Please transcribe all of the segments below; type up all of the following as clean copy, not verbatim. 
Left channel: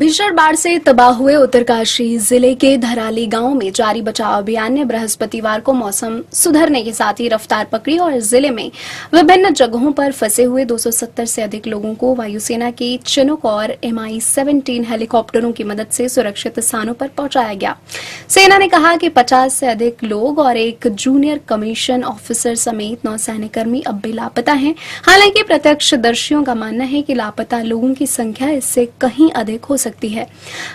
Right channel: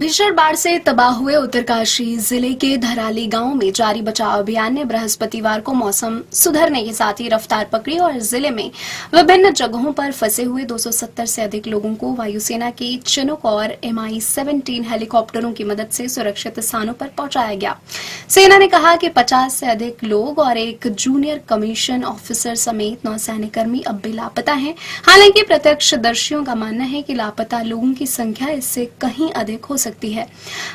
भीषण बाढ़ से तबाह हुए उत्तरकाशी जिले के धराली गांव में जारी बचाव अभियान ने बृहस्पतिवार को मौसम सुधरने के साथ ही रफ्तार पकड़ी और जिले में विभिन्न जगहों पर फंसे हुए 270 से अधिक लोगों को वायुसेना के चिनूक और MI-17 हेलीकॉप्टरों की मदद से सुरक्षित स्थानों पर पहुंचाया गया। सेना ने कहा कि 50 से अधिक लोग और एक जूनियर कमीशन ऑफिसर समेत 9 सैन्यकर्मी अब भी लापता हैं। हालांकि प्रत्यक्षदर्शियों का मानना है कि लापता लोगों की संख्या इससे कहीं अधिक हो सकती है।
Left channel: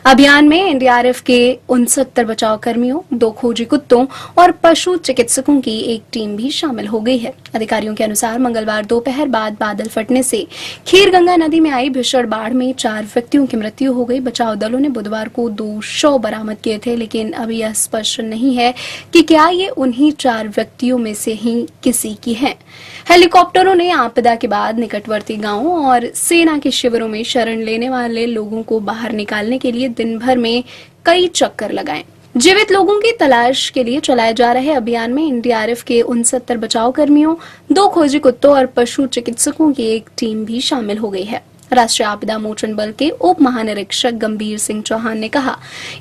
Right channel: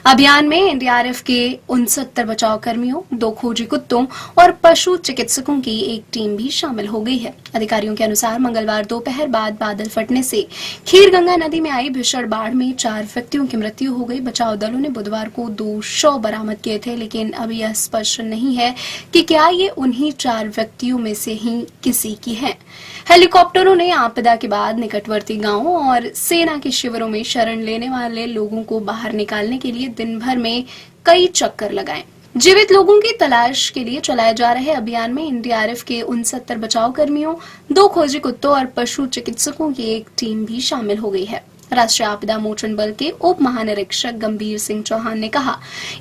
अभियान में एनडीआरएफ के 69 बचाव कर्मियों, 2 खोजी कुत्तों और पशु चिकित्सकों की एक टीम भी शामिल हो गई है। अधिकारियों के अनुसार मंगलवार दोपहर बाद बादल फटने से खीरगंगा नदी में आई भीषण बाढ़ में 4 व्यक्तियों की मृत्यु हो गई। बचाव दलों ने बुधवार को 2 शव बरामद किए थे, लेकिन अभी यह स्पष्ट नहीं है कि क्या ये उन्हीं 4 व्यक्तियों में से ही किसी की है। हेलीकॉप्टरों ने आपदा के बाद निकटवर्ती गांवों और सेना के शिविरों में शरण लेने वाले लोगों को बाहर निकालने के लिए दिन भर में कई चक्कर लगाए। जीवित लोगों की तलाश के लिए चलाए जा रहे अभियान में एनडीआरएफ के 69 बचाव कर्मियों, 2 खोजी कुत्तों और पशु चिकित्सकों की एक टीम भी शामिल हो गई है। राष्ट्रीय आपदा मोचन बल के उप महानिरीक्षक गंभीर सिंह चौहान ने कहा,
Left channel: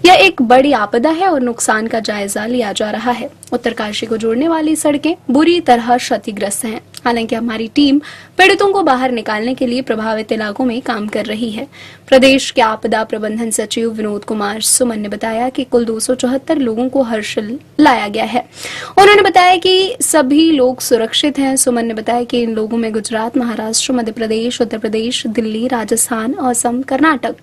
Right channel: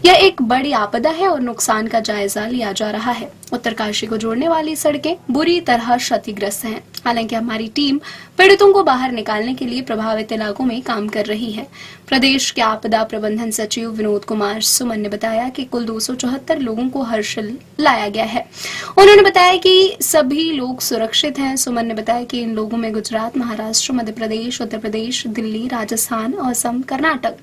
यह एक बड़ी आपदा है और नुकसान का जायजा लिया जा रहा है। उत्तरकाशी को जोड़ने वाली सड़कें बुरी तरह क्षतिग्रस्त हैं। हालांकि हमारी टीम पीड़ितों को बाहर निकालने के लिए प्रभावित इलाकों में काम कर रही है। प्रदेश के आपदा प्रबंधन सचिव विनोद कुमार सुमन ने बताया कि कुल 274 लोगों को हर्षिल लाया गया है। उन्होंने बताया कि सभी लोग सुरक्षित हैं। सुमन ने बताया कि इन लोगों में गुजरात, महाराष्ट्र, मध्य प्रदेश, उत्तर प्रदेश, दिल्ली, राजस्थान, असम, कर्नाटक,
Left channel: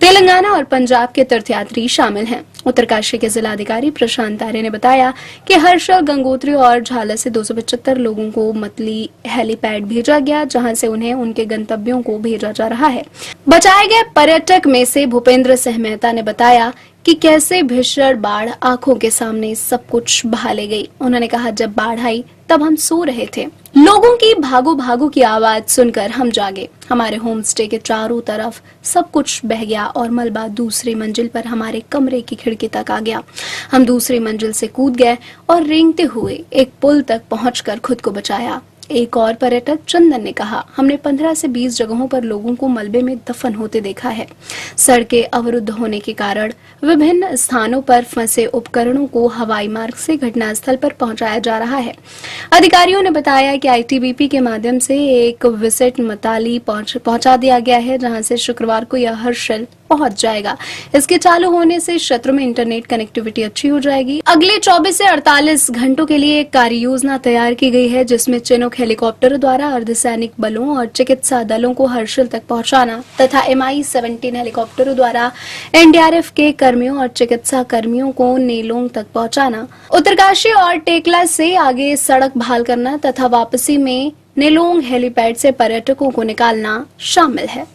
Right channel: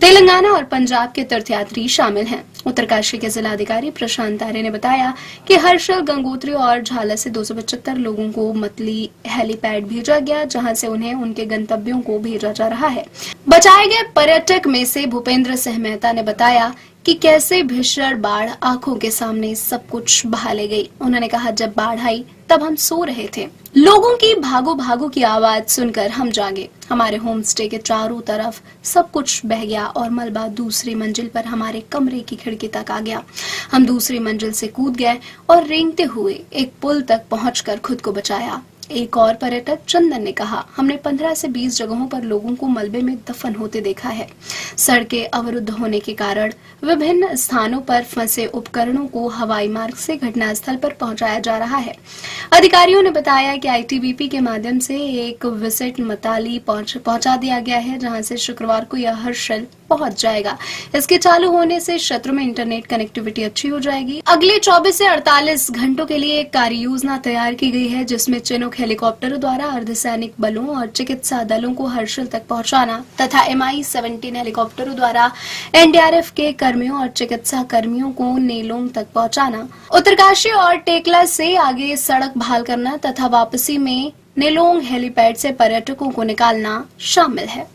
तेलंगाना और पंजाब के तीर्थयात्री शामिल हैं। उत्तरकाशी के जिलाधिकारी प्रशांत आर्य ने बताया कि हर्षल, गंगोत्री और झाला से 275 लोगों को मतली हेलीपैड भेजा गया, जहां से उन्हें उनके गंतव्यों को भेजा जा रहा है। बचाए गए पर्यटक में से भूपेंद्र सिंह मेहता ने बताया कि कैसे भीषण बाढ़ आंखों के सामने सब कुछ बहा ले गई। उन्होंने कहा, जब बाढ़ आई तब हम सो रहे थे। लोगों की भागो भागो की आवाज सुनकर हम जागे। हमारे होम स्टे के चारों तरफ सब कुछ बह गया और मलबा दूसरी मंजिल पर हमारे कमरे की खिड़की तक आ गया। हम दूसरी मंजिल से कूद गए और रेंगते हुए एक पुल तक पहुंचकर खुद को बचाया। एक और पर्यटक चंदन ने कहा, हमने 15 से 20 जगहों पर लोगों को मलबे में दफन होते देखा है। सड़कें अवरुद्ध होने के कारण विभिन्न स्थानों पर फंसे उपकरणों को हवाई मार्ग से घटनास्थल पर पहुंचाया जा रहा है। अधिकारियों ने बताया कि आईटीबीपी के माध्यम से एक विजिट मताली पहुंचा दिया गया है, जहां से शुक्रवार को यह हर्षल पहुंच जाएगा। इसके चालू होने से क्षेत्र में इंटरनेट कनेक्टिविटी अच्छी हो जाएगी। अगले 24 से 48 घंटों के लिए एक कार्य योजना तैयार की गई है, जिसमें चिनूक हेलीकॉप्टर द्वारा अर्धसैनिक बलों और चिकित्सा दलों को हर्षिल तक पहुंचाना तथा MI-17 हेलीकॉप्टरों द्वारा एनडीआरएफ के कर्मियों और चिकित्सा कर्मियों को नेलोंग तक पहुंचाना, उत्तरकाशी और टेकला से आगे सड़क बहाल करना तथा वापसी में नेलोंग हेलीपैड से पर्यटकों को निकालना शामिल है।